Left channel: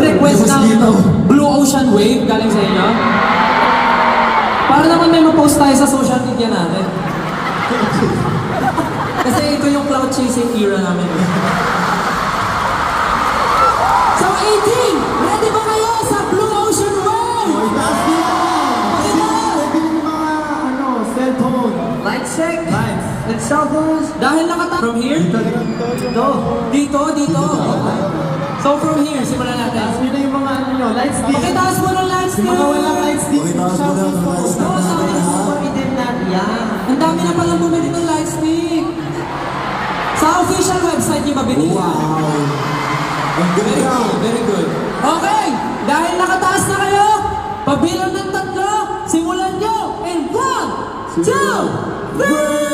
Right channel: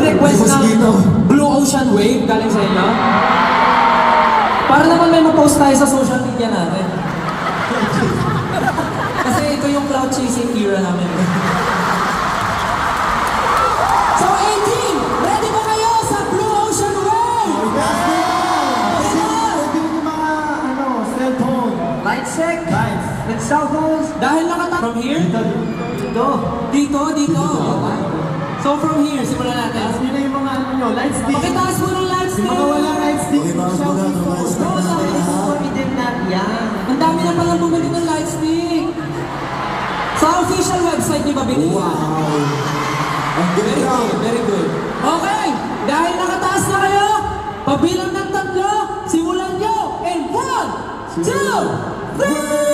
nag-request ng Blue Ocean Wave galing sa inyo? Para naman may ma-post tayo sa social media natin. Kasi ito yung cloud chasing era namin. So 18, ready ba kayo sa Blue Ocean Wave? Cellphone. Light check. Lights. Let's shuffle. Dahil from here? Dito. So from here, simulan natin. Taas nyo na yung mga ano nyo. Light stick. Pakitaas mo ng light stick. Yung mga walang light stick. Shuffle po. Oo, sabi na sa committee na. Yan. Ang dami na pala bumili ng light stick. Sa official website niyo ba binili? Wow. Very good, very good. Okay, dahil nakataas na kayo, pabilang ng 3, simulan nyo in 1, 2, 3!